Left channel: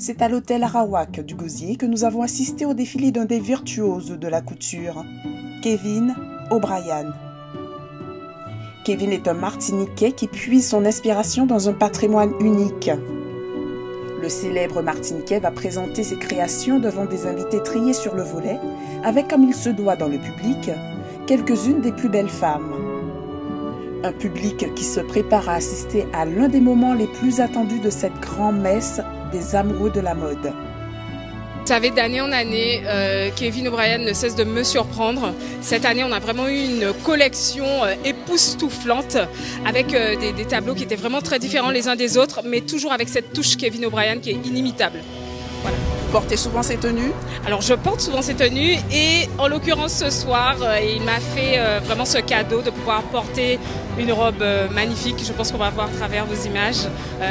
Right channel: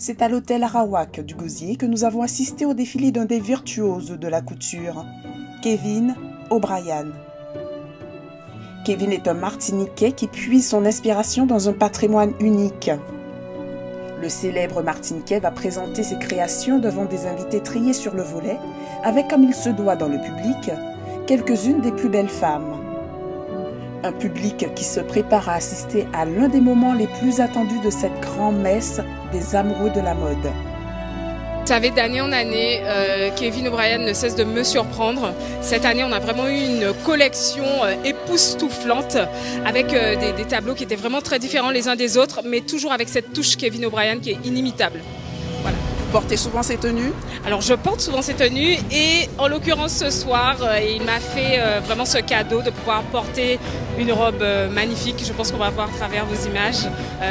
C'est à l'hôtel Arawak du Gosier que nous avons assisté au défilé d'un des virtuoses de la couture, Kevin O'Brien. Kevin est un Martiniquais qui puise son inspiration dans un patrimoine unique. Le célèbre Martiniquais va présenter ses créations devant des invités triés sur le volet, avec, comme il se doit dans le public, quelques-unes des plus belles femmes. Un public qui se prépare à assister à l'un des moments les plus attendus de cette grand-messe des amoureux de la mode. Vous savez, d'année en année, Kevin O'Brien ne cesse de me surprendre. Cette année, on a vraiment eu une collection époustouflante avec des tableaux qui étaient vraiment très différents les uns des autres, mais toujours avec cette touche Kevin O'Brien qui est inimitable. Voilà. Vous portez souvent ces tenues? Alors je porte souvent ces tenues et en l'occurrence ce soir, il m'a fait vraiment ce cadeau de pouvoir porter une robe magnifique. Je pense qu'on va voir à travers vos images,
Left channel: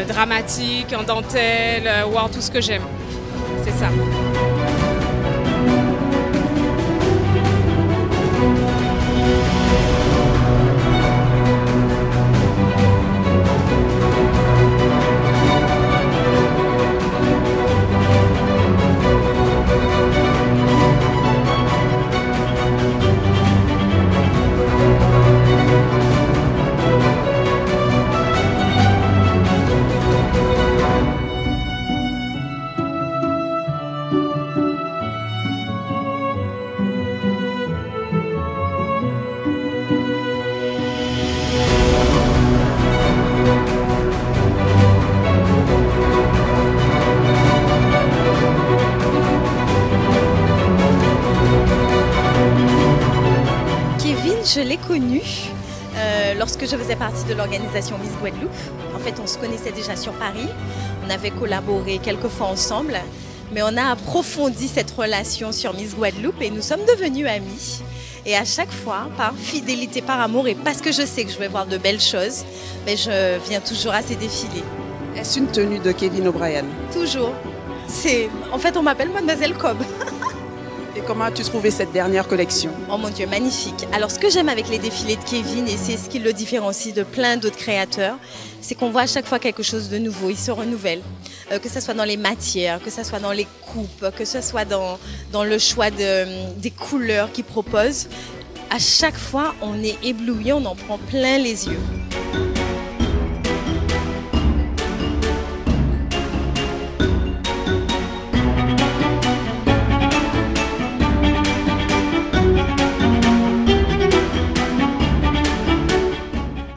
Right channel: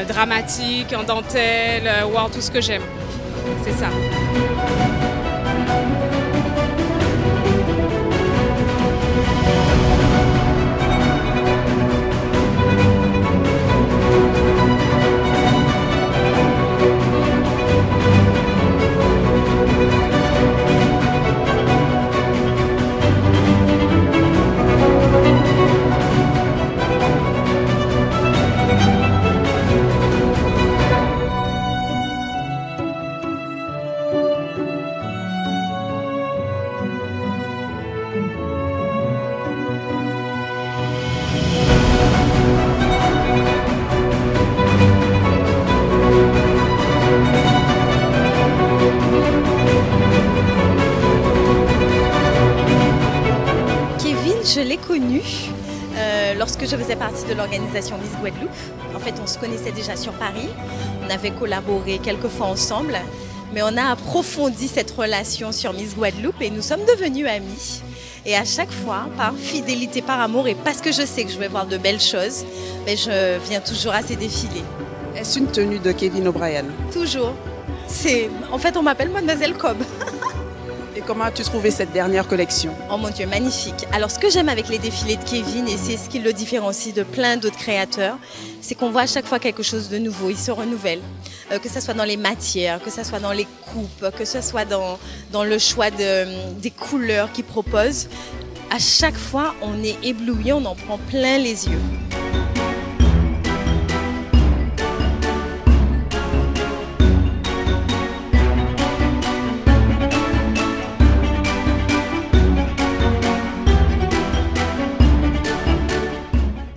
dramatiques, en dentelle, wow, tout ce que j'aime. C'est ça. Je l'ai connu lorsque je faisais partie de l'organisation Miss Guadeloupe. En fait, on se connaissait déjà sur Paris. On avait collaboré quelques fois ensemble, mais on a approfondi cette relation sur Miss Guadeloupe et nous sommes devenus amis. Et à chaque fois, par fidélité, par amour et parce que je sais que je vais voir de belles choses, mais je viens toujours à ces défilés. Est-ce une tenue de Kevin O'Brien? Toujours. En fait, on m'appelle Mademoiselle Cobb. Et comment as-tu trouvé cette dernière collection? Oh mon Dieu, magnifique. Alors ce que j'aime avec les défilés de Kevin, et c'est ce qui le différencie de plein d'autres créateurs, c'est qu'on voit à chaque fois quelque chose de nouveau, il se renouvelle. Que ce soit dans les matières, que ce soit dans les coupes, que ce soit dans le choix des couleurs qu'il propose. À chaque fois, on est ébloui, on en prend plein les yeux.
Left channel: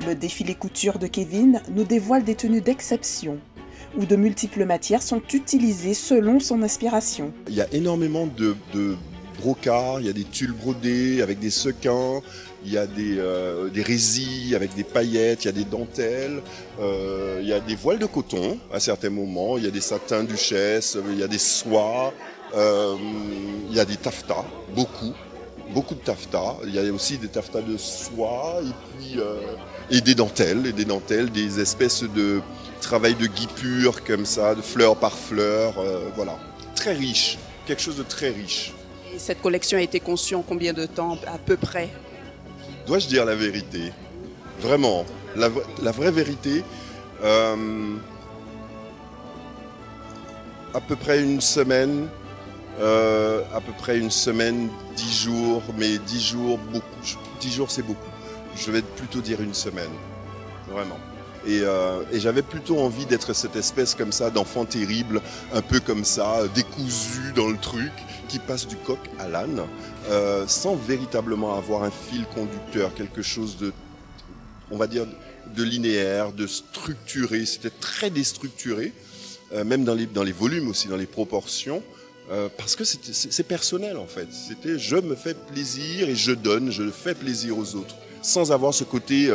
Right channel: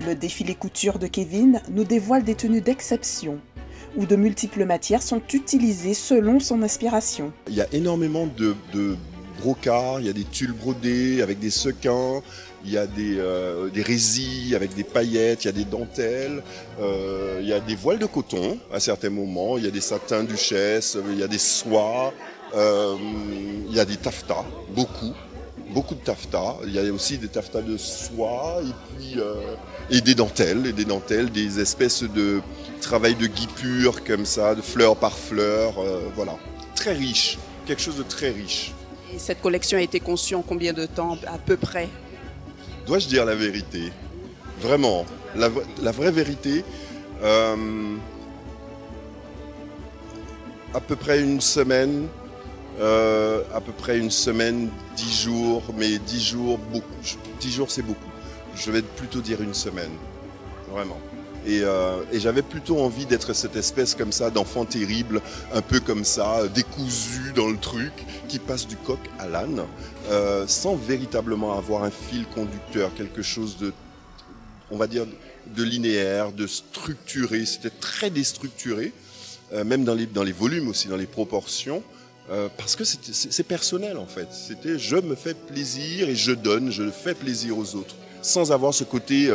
Le défilé couture de Kevin nous dévoile des tenues d'exception, où de multiples matières sont utilisées selon son inspiration. Il y a énormément de brocarts, il y a des tulles brodés avec des sequins, il y a des résilles avec des paillettes, il y a des dentelles, il y a des voiles de coton à certains moments, il y a des satins duchesse, il y a des soies, il y a des taffetas, beaucoup de taffetas. Il y a aussi des taffetas de soie et des dentelles, des espèces de travail de guipure comme ça, de fleur par fleur, voilà. Très riche, quelque chose de très riche. Et cette collection a été conçue en combien de temps à peu près? Dois-je dire la vérité? Vraiment, la vraie vérité, à peu près une semaine, 10 jours, mais 10 jours, beaucoup. 10 jours, c'est beaucoup. Je vais plutôt dire une semaine, vraiment. Et j'avais plutôt envie d'être cette espèce comme ça d'enfant terrible, un peu comme ça, décousu dans le truc, qui passe du coq à l'âne, sans véritablement avoir un fil conducteur, quelque chose de, on va dire, de linéaire, de structuré. C'était très déstructuré, même dans les volumes aussi, dans les proportions. Parce que c'est personnel en fait. C'était je me fais plaisir et je donne, je fais plaisir aux autres, sans avoir ce côté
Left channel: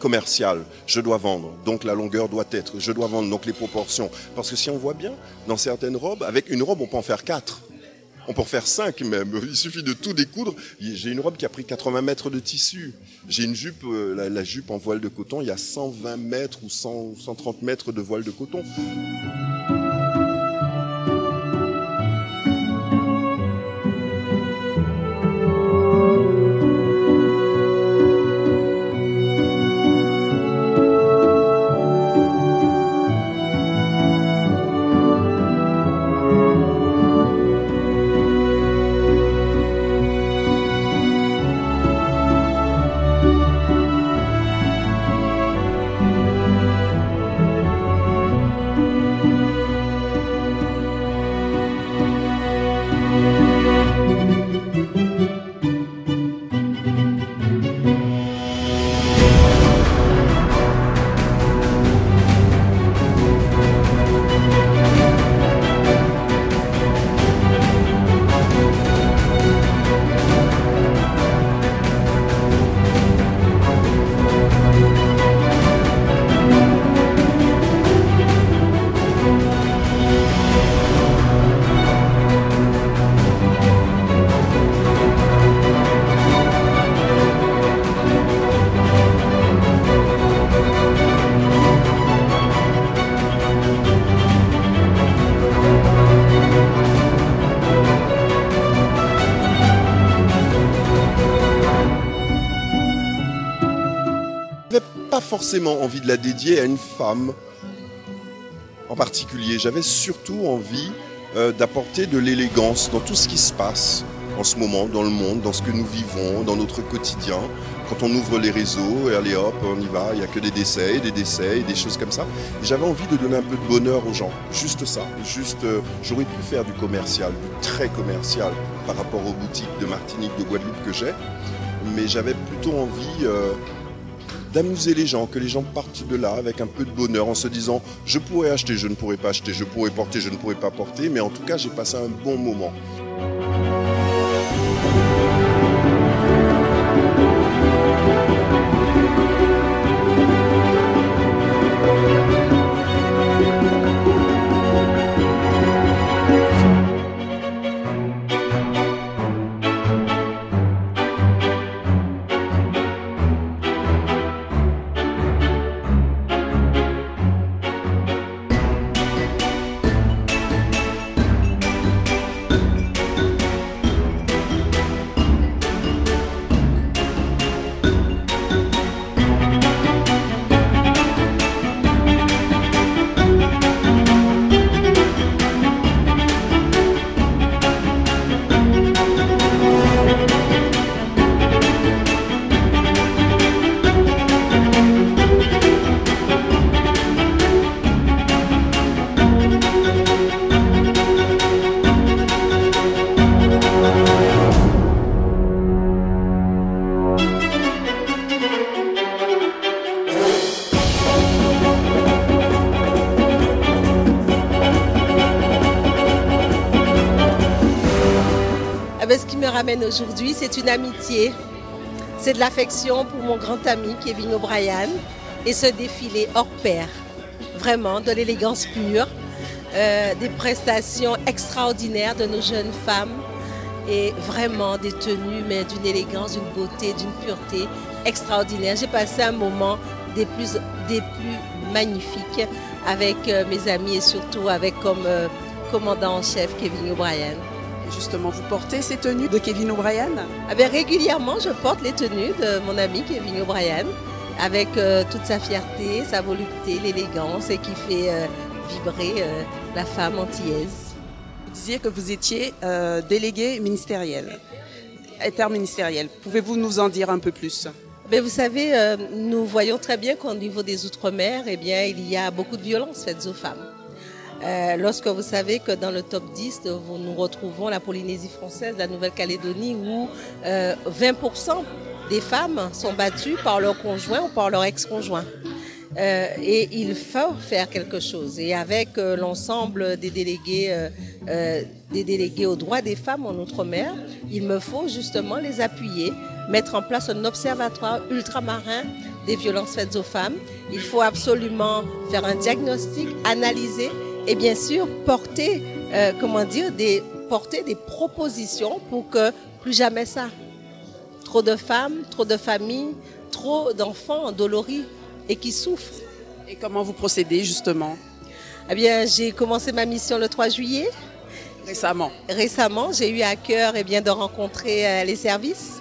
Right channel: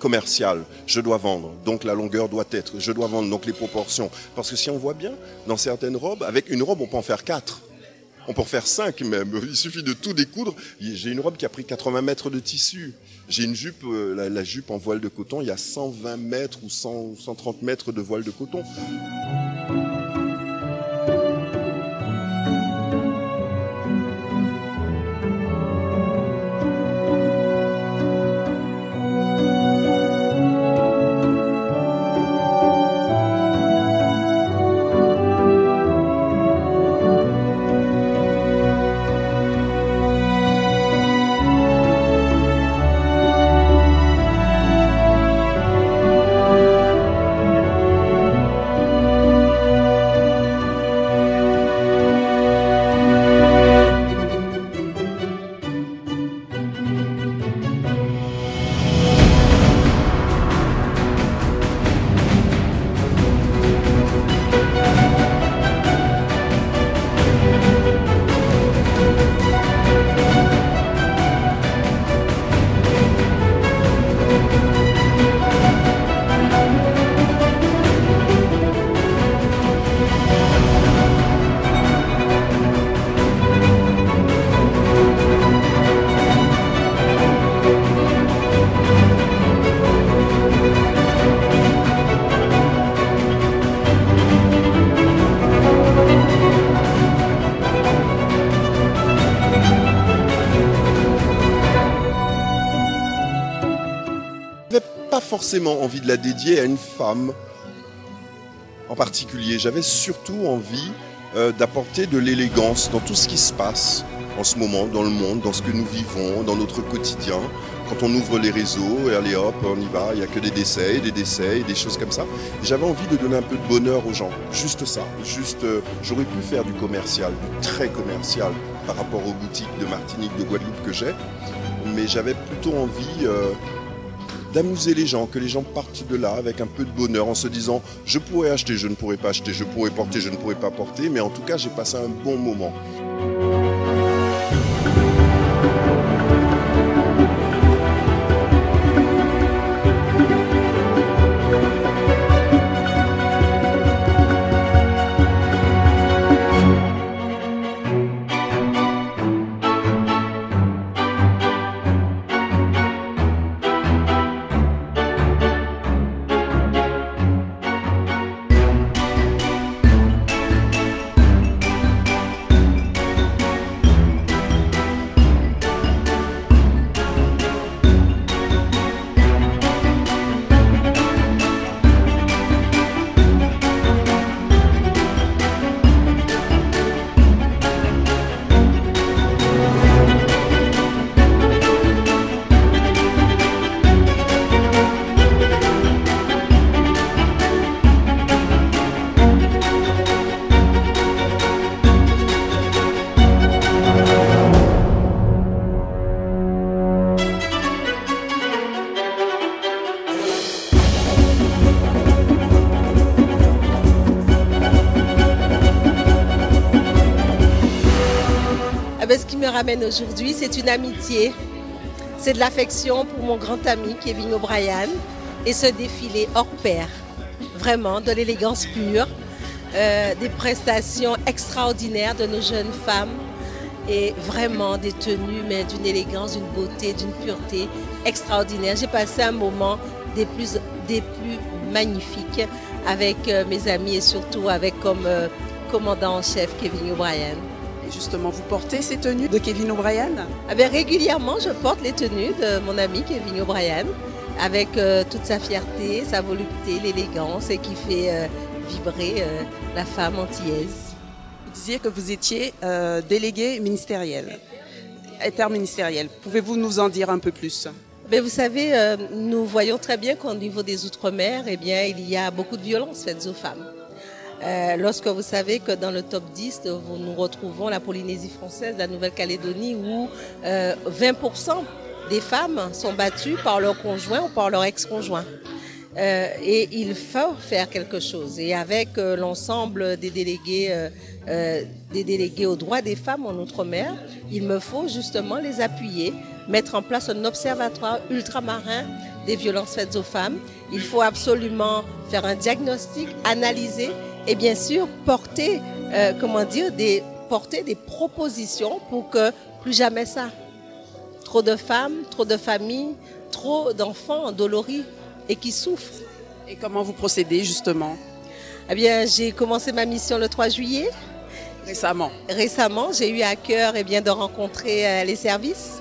commercial. Je dois vendre, donc la longueur doit être. Je dois vendre, donc les proportions. Parce que si on voit bien, dans certaines robes, avec une robe, on peut en faire 4. On peut en faire 5 même. Il suffit de tout découdre. J'ai une robe qui a pris 80 mètres de tissu. J'ai une jupe, la jupe en voile de coton, il y a 120 mètres ou 130 mètres de voile de coton. forcément envie de la dédier à une femme en particulier. J'avais surtout envie d'apporter de l'élégance dans tout ce qui se passe en ce moment dans le monde, dans ce que nous vivons, dans notre quotidien. Quand on ouvre les réseaux, et allez hop, on y va, il n'y a que des décès, et des choses comme ça. Et j'avais envie de donner un peu de bonheur aux gens, juste ça. J'aurais pu faire du commercial, du très commercial par rapport aux boutiques de Martinique, de Guadeloupe que j'ai, mais j'avais plutôt envie d'amuser les gens, que les gens partent de là avec un peu de bonheur en se disant « je pourrais acheter, je ne pourrais pas acheter, je pourrais porter, je ne pourrais pas porter, mais en tout cas j'ai passé un bon moment ». Ce qui me ramène aujourd'hui, c'est une amitié, c'est de l'affection pour mon grand ami Kevin O'Brien et ce défilé hors pair, vraiment de l'élégance pure, des prestations extraordinaires de nos jeunes femmes et vraiment des tenues, mais d'une élégance, d'une beauté, d'une pureté extraordinaire. J'ai passé un moment des plus magnifiques avec mes amis et surtout avec comme commandant en chef Kevin O'Brien. Et justement, vous portez ces tenues de Kevin O'Brien? Régulièrement, je porte les tenues de mon ami Kevin O'Brien avec toute sa fierté, sa volupté, l'élégance et qui fait vibrer la femme antillaise. Vous disiez que vous étiez délégué ministériel, interministériel. Pouvez-vous nous en dire un peu plus? Vous savez, nous voyons très bien qu'au niveau des Outre-mer, il y a beaucoup de violences faites aux femmes. Lorsque vous savez que dans le top 10, nous retrouvons la Polynésie française, la Nouvelle-Calédonie, où 20% des femmes sont battues par leur conjoint ou par leur ex-conjoint. Et il faut faire quelque chose. Et avec l'ensemble des délégués aux droits des femmes en Outre-mer, il me faut justement les appuyer, mettre en place un observatoire ultramarin des violences faites aux femmes. Il faut absolument faire un diagnostic, analyser et bien sûr porter des propositions pour que plus jamais ça. Trop de femmes, trop de familles, trop d'enfants endoloris et qui souffrent. Et comment vous procédez justement? J'ai commencé ma mission le 3 juillet. Récemment, j'ai eu à cœur de rencontrer les services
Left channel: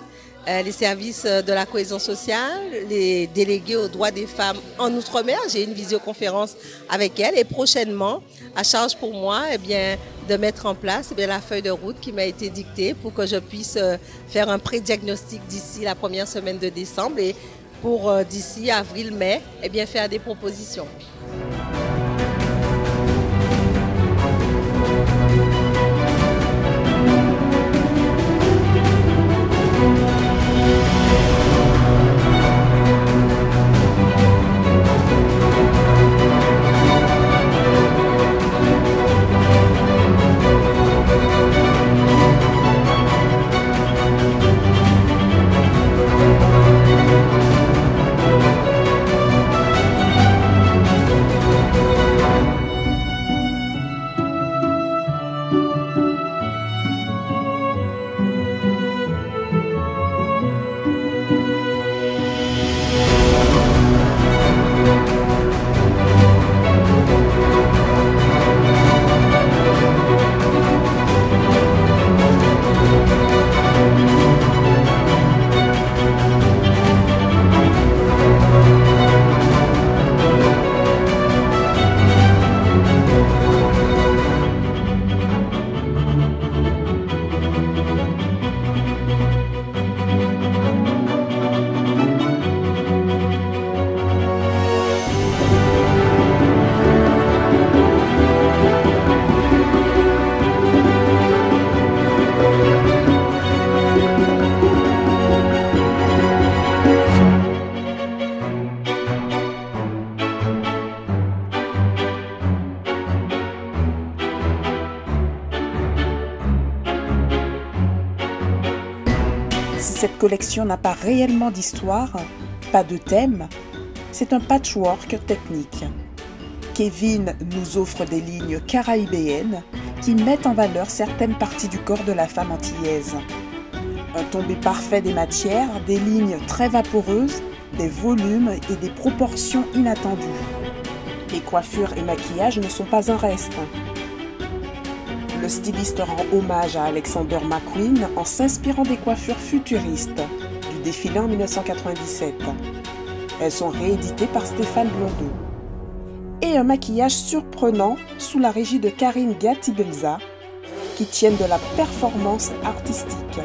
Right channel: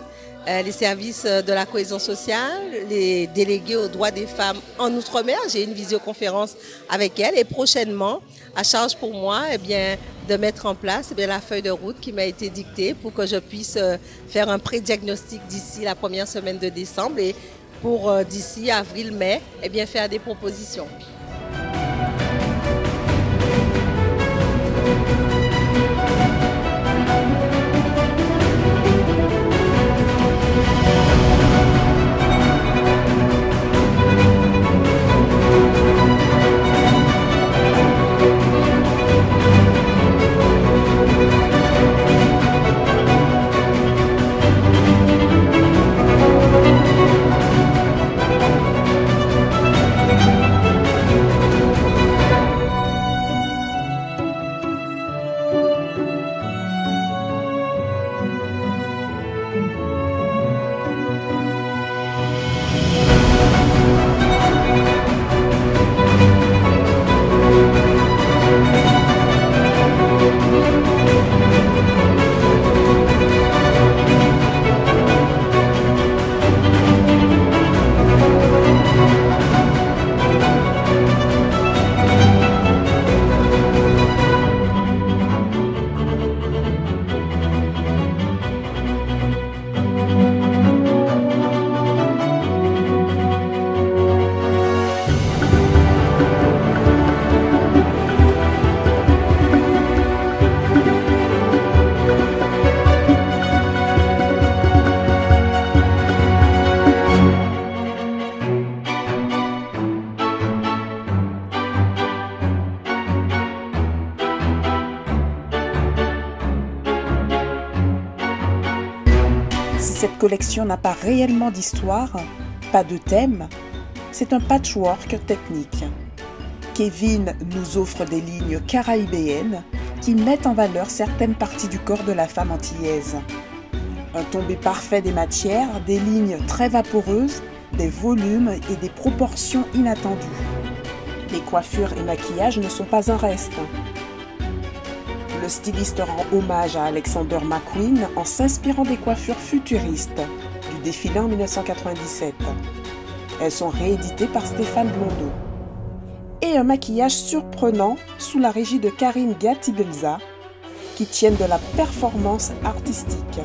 de la cohésion sociale, les délégués aux droits des femmes en Outre-mer. J'ai une visioconférence avec elles et prochainement, à charge pour moi de mettre en place la feuille de route qui m'a été dictée pour que je puisse faire un pré-diagnostic d'ici la première semaine de décembre et pour d'ici avril-mai faire des propositions. Cette collection n'a pas réellement d'histoire, pas de thème, c'est un patchwork technique. Kevin nous offre des lignes caraïbéennes qui mettent en valeur certaines parties du corps de la femme antillaise. Un tombé parfait des matières, des lignes très vaporeuses, des volumes et des proportions inattendues. Les coiffures et maquillages ne sont pas un reste. Le styliste rend hommage à Alexander McQueen en s'inspirant des coiffures futuristes du défilé en 1997. Elles sont rééditées par Stéphane Blondeau. Et un maquillage surprenant sous la régie de Karine Gatibelza qui tiennent de la performance artistique.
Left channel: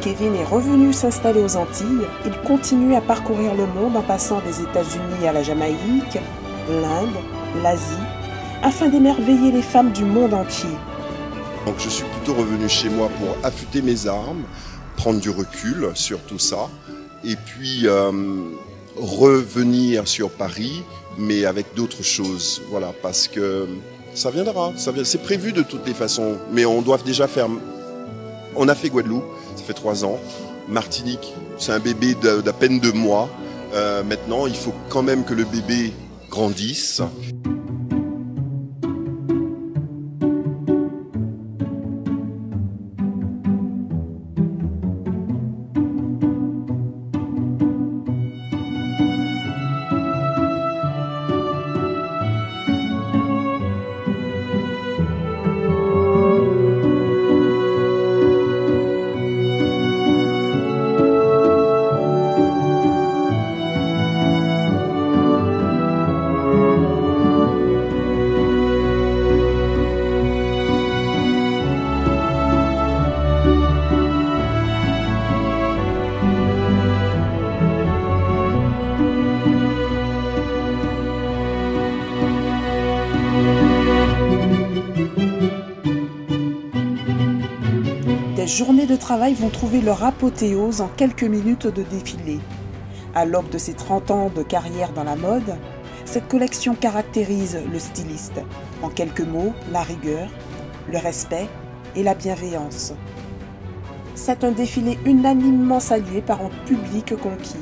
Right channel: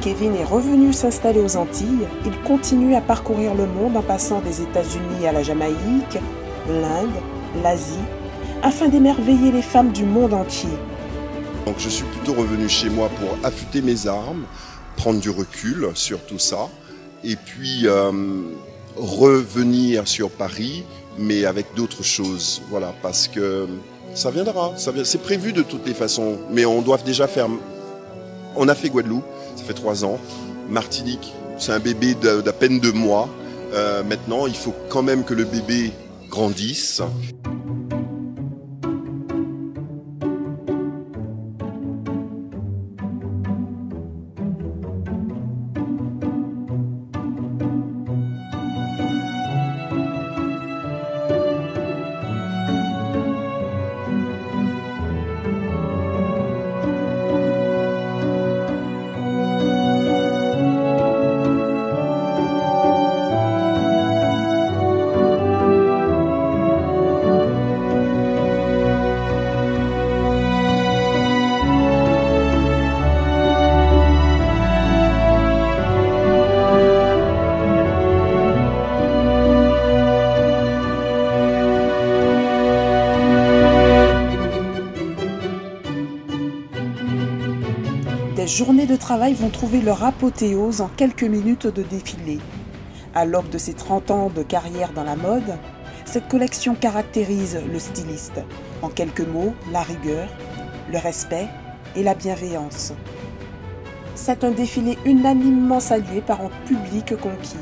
Kevin est revenu s'installer aux Antilles, il continue à parcourir le monde en passant des États-Unis à la Jamaïque, l'Inde, l'Asie, afin d'émerveiller les femmes du monde entier. Donc je suis plutôt revenu chez moi pour affûter mes armes, prendre du recul sur tout ça, et puis revenir sur Paris, mais avec d'autres choses, voilà, parce que ça viendra, c'est prévu de toutes les façons, mais on doit déjà faire... On a fait Guadeloupe, ça fait 3 ans. Martinique, c'est un bébé d'à peine 2 mois. Maintenant, il faut quand même que le bébé grandisse. Des journées de travail vont trouver leur apothéose en quelques minutes de défilé. À l'aube de ses 30 ans de carrière dans la mode, cette collection caractérise le styliste. En quelques mots, la rigueur, le respect et la bienveillance. C'est un défilé unanimement salué par un public conquis.